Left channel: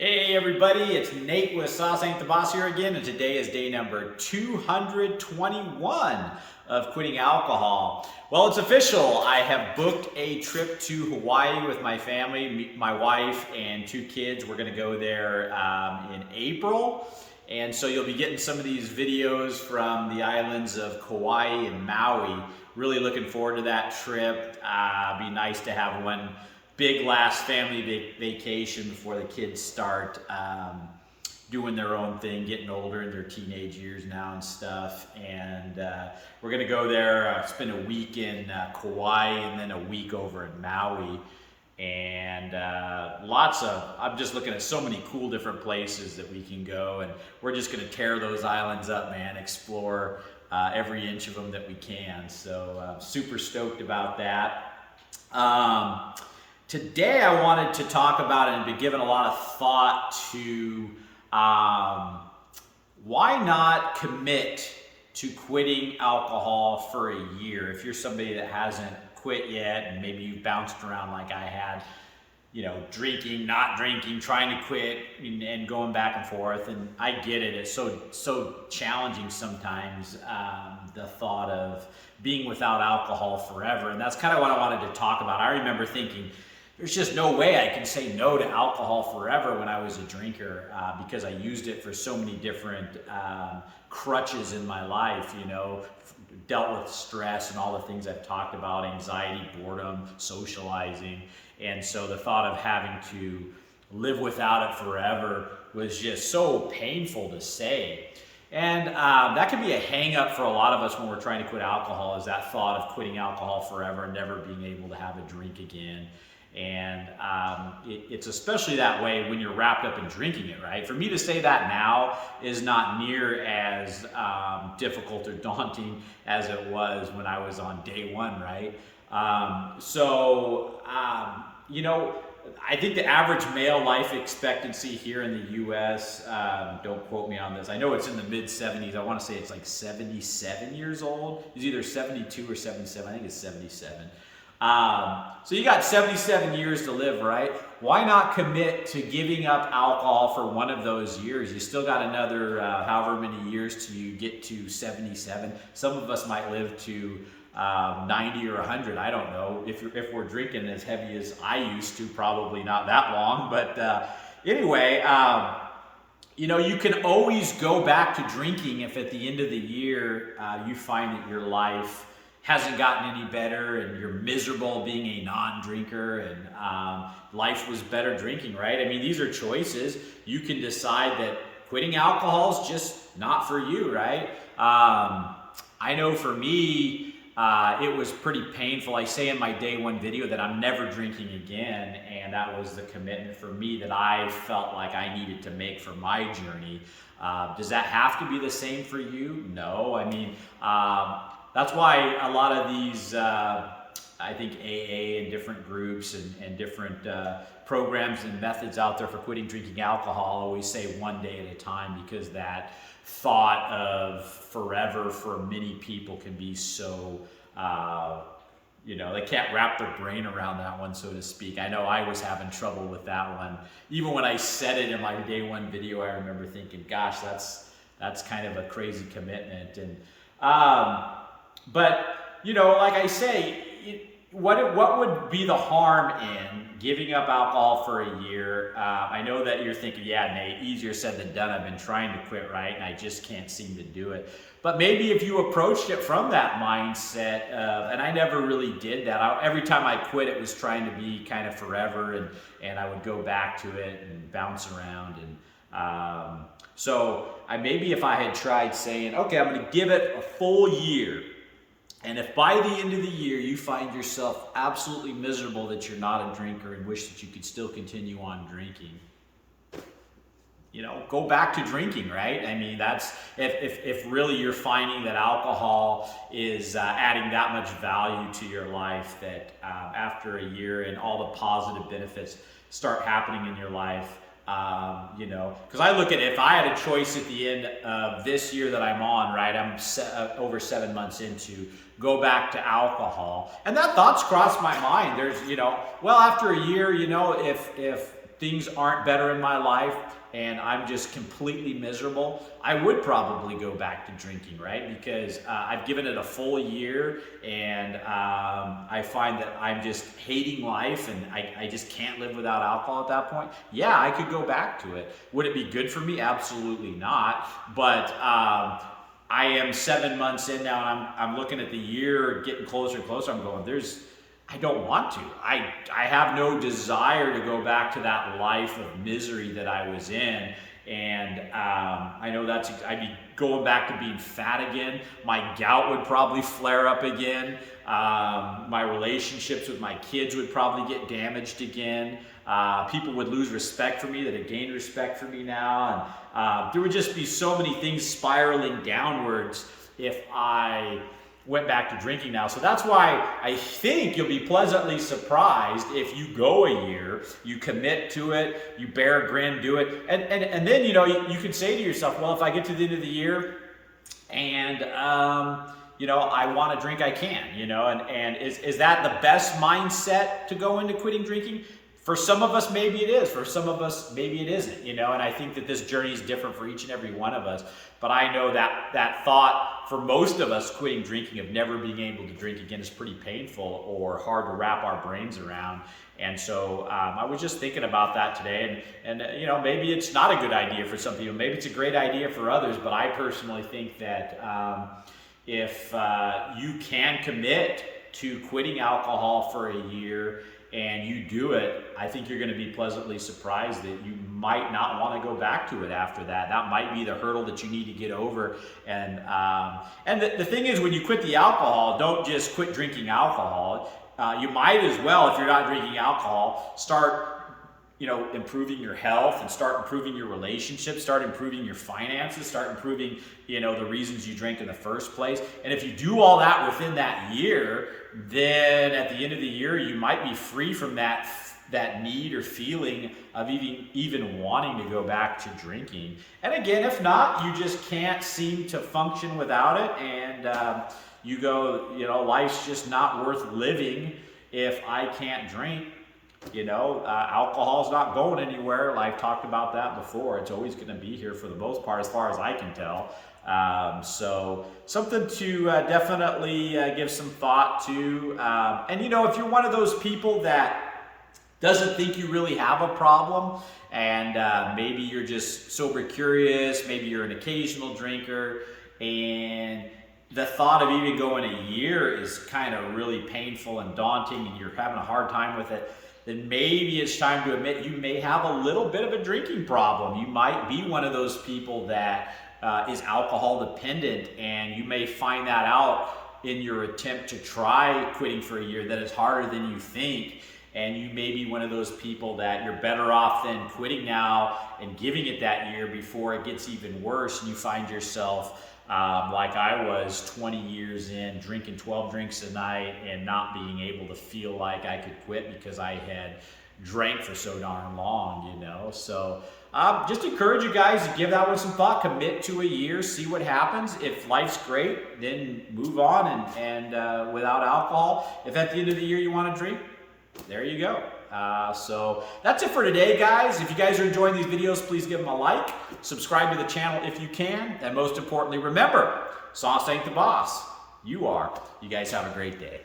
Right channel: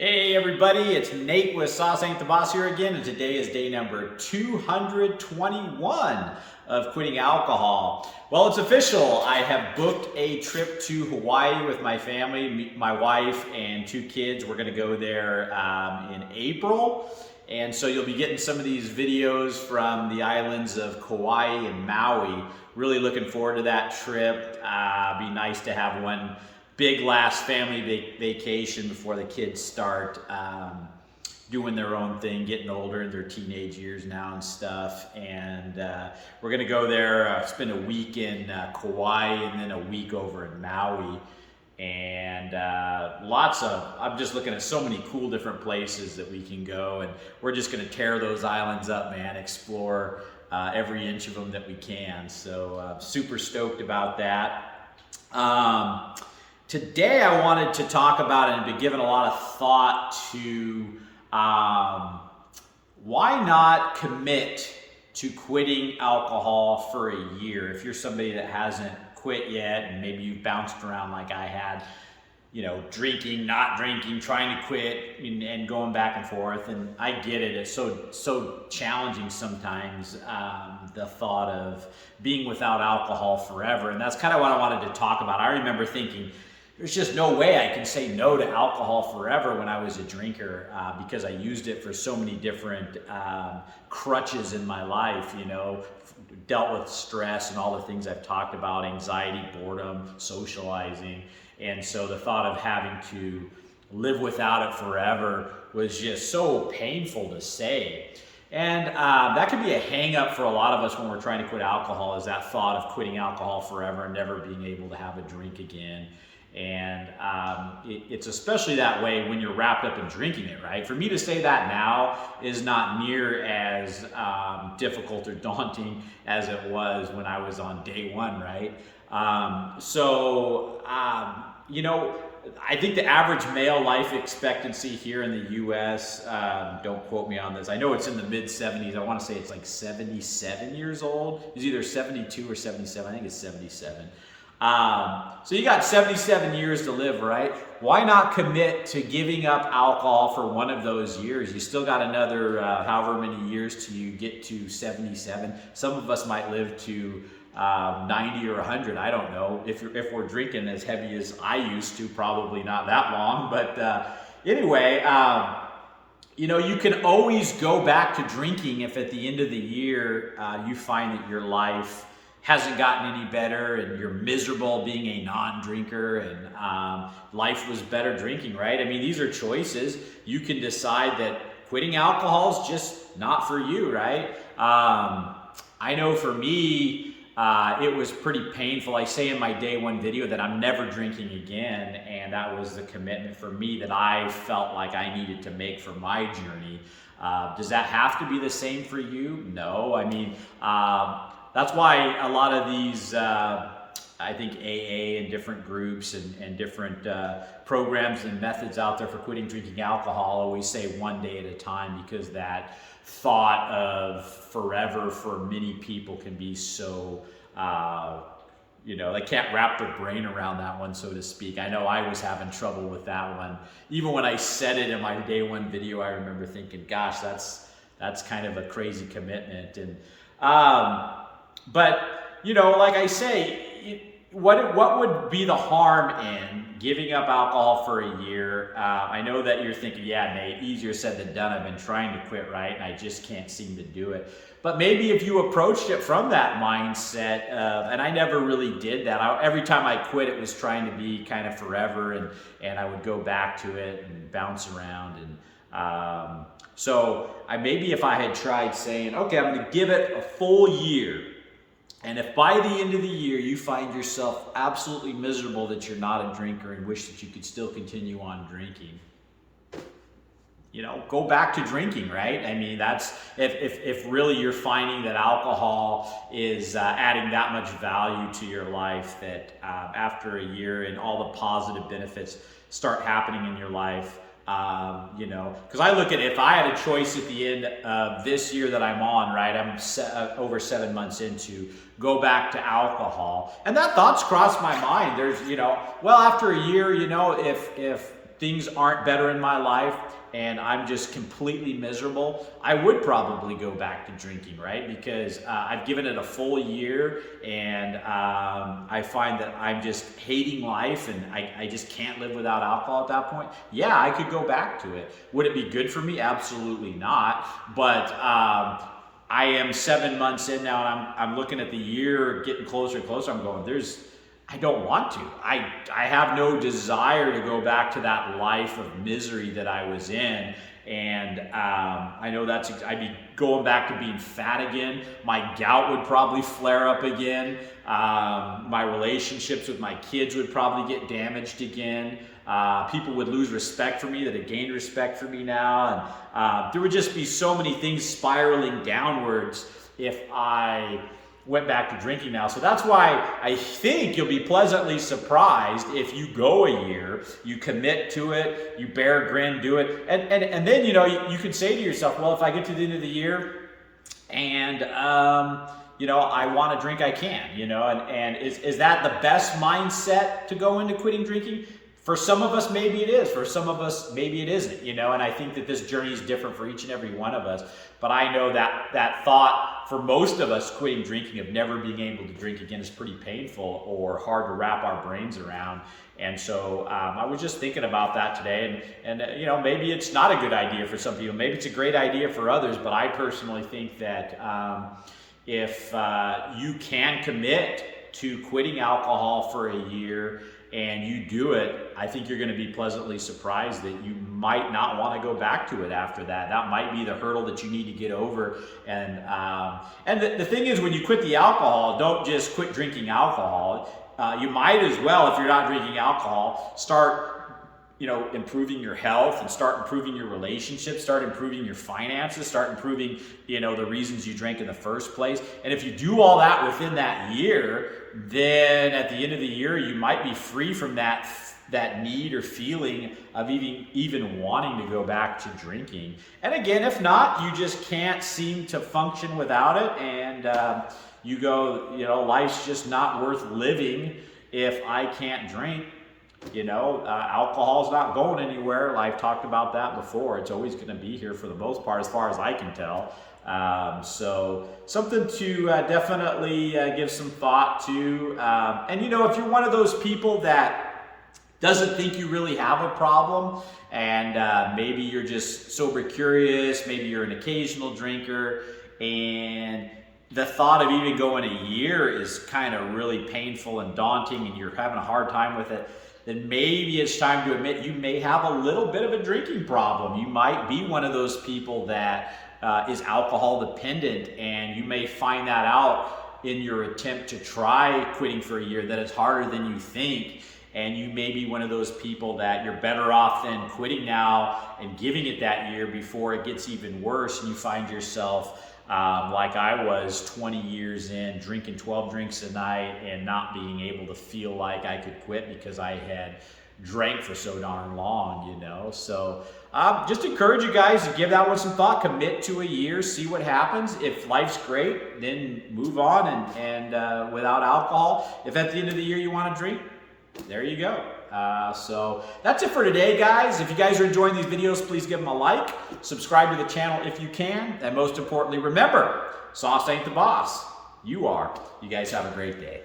Hey everybody, it's Nate with Sauce Ain't the Boss here again, and today is day number 221 of quitting alcohol. Well, it's official. I have booked a trip to Hawaii with my family, my wife and two kids. We're gonna go there in April. And so you'll be getting some of these videos from the islands of Kauai and Maui. Really looking forward to that trip. Be nice to have one big last family vacation before the kids start doing their own thing, getting older in their teenage years now and stuff. And we're gonna go there, spend a week in Kauai and then a week over in Maui. And I'm just looking at so many cool different places that we can go, and we're just gonna tear those islands up, man, explore every inch of them that we can. So super stoked about that. Today I wanted to talk about and be given a lot of thought to why not commit to quitting alcohol for a year. If you're somebody that hasn't quit yet and maybe you've bounced around like I had, you know, drinking, not drinking, trying to quit and going back and forth, and I get it. It's so challenging sometimes, the thought of being without alcohol forever, and that's kind of what I wanted to talk about. I remember thinking, there's just no way I can say no to alcohol forever when I was a drinker, because I used it for so many different crutches in my life, you know, dealt with stress and all the things I've talked about, anxiety, boredom, socializing. And so the thought of having to live without it forever was just so painful to say. And that can be a hang up for a lot of us when we're trying to quit alcohol, is that thought of quitting alcohol forever and never being able to have a drink again. And it's especially that way when you're wrapped up in drinking it, right? For me to say that now is not near as difficult or daunting as it was when I was on day one, right? You know, I think the average male life expectancy here in the US, don't quote me on this, I know it's in the mid 70s. I want to say it's like 77 years old. It's either 72 or 77. I think it's 77. So you got 77 years to live, right? Why not commit to giving up alcohol for one of those years? You still got another however many years till you get to 77. Some of us might live to 90 or 100. I don't know. If we're drinking as heavy as I used to, probably not that long. But anyway, you know, you can always go back to drinking if at the end of the year you find that your life hasn't gotten any better and you're miserable being a non-drinker, and life was better drinking, right? I mean, these are choices. You can decide that quitting alcohol is just not for you, right? I know for me, it was pretty painful. I say in my day one video that I'm never drinking again, and that was the commitment for me that I felt like I needed to make for my journey. Does that have to be the same for you? No. I mean, that's why a lot of these, I think AA and different groups and different programs and methods out there for quitting drinking alcohol always say one day at a time, because that thought of forever for many people can be so, you know, they can't wrap their brain around that one, so to speak. I know I was having trouble with that one. Even when I said it in my day one video, I remember thinking, gosh, that's kind of a crazy commitment. And but, you know, like I say, what would be the harm in giving up alcohol for a year? I know that you're thinking, yeah, Nate, easier said than done. I've been trying to quit, right? And I just can't seem to do it. But maybe if you approached it from that mindset, and I never really did that. Every time I quit, it was trying to be kind of forever, and I would go back to it and bounce around. And so maybe if I had tried saying, okay, I'm going to give it a full year, and if by the end of the year you find yourself absolutely miserable that you're not a drinker and wish that you could still continue on drinking, you know, go back to drinking, right? I mean, that's if really you're finding that alcohol is adding that much value to your life, that after a year and all the positive benefits start happening in your life, you know, because I look at it, if I had a choice at the end of this year that I'm on, right, I'm over 7 months into, go back to alcohol, and that thought's crossed my mind. There's, you know, well, after a year, you know, if things aren't better in my life and I'm just completely miserable, I would probably go back to drinking, right? Because I've given it a full year, and I find that I'm just hating life, and I just can't live without alcohol at that point. Yeah, I could go back to it. Would it be good for me? Absolutely not. But I am 7 months in now, and I'm looking at the year getting closer and closer. I'm going, I don't want to. I have no desire to go back to that life of misery that I was in. And I know I'd be going back to being fat again. My gout would probably flare up again. My relationships with my kids would probably get damaged again. People would lose respect for me that had gained respect for me now. And there would just be so many things spiraling downwards if I went back to drinking now. So that's why I think you'll be pleasantly surprised if you go a year, you commit to it, you bear a grin, do it. And then, you can say to yourself, well, if I get to the end of the year and, I want to drink, I can, and is that the best mindset to go into quitting drinking? For some of us, maybe it is. For some of us, maybe it isn't, and I think that this journey is different for each and every one of us. But I know that thought for most of us, quitting drinking, of never being able to drink again, is pretty painful or hard to wrap our brains around. And so I was just thinking about that today, and maybe it's not a good idea for some people. Maybe it's a great idea for others, but I personally think that if you can commit to quitting alcohol for a year and you do it, I think you're going to be pleasantly surprised that you might not want to go back to it after that. That might be the hurdle that you need to get over. And the thing is, when you quit the alcohol, don't just quit drinking alcohol. You might as well, if you're not drinking alcohol, start improving your health and start improving your relationships, start improving your finances, start improving, the reasons you drank in the first place. And if you do all that within that year, then at the end of the year, you might be free from that need or feeling of even wanting to go back to drinking. And again, if not, you just can't seem to function without it. And you go, life's just not worth living if I can't drink. Alcohol's not going anywhere. I've talked about that before. It's always going to be here for the most part, as far as I can tell. So something to definitely give some thought to. And if you're one of those people that doesn't think you really have a problem, and maybe you're just sober curious, maybe you're an occasional drinker, and the thought of even going a year is kind of really painful and daunting, and you're having a hard time with it, then maybe it's time to admit you may have a little bit of a drinking problem. You might be one of those people that is alcohol dependent, and you may find that out in your attempt to try quitting for a year, that it's harder than you think. And you may be one of those people that you're better off than quitting now and giving it that year before it gets even worse, and you find yourself like I was 20 years in, drinking 12 drinks a night and not being able to feel like I could quit because I had drank for so darn long, So just encourage you guys to give that one some thought, commit to a year, see what happens. If life's great, then move on and without alcohol. If at the end of the year you want to drink, there you go. So that's it for today, guys. If you guys are enjoying these videos, please give them a like, subscribe to the channel if you can, and most importantly, remember, sauce ain't the boss. You are. You guys have a great day.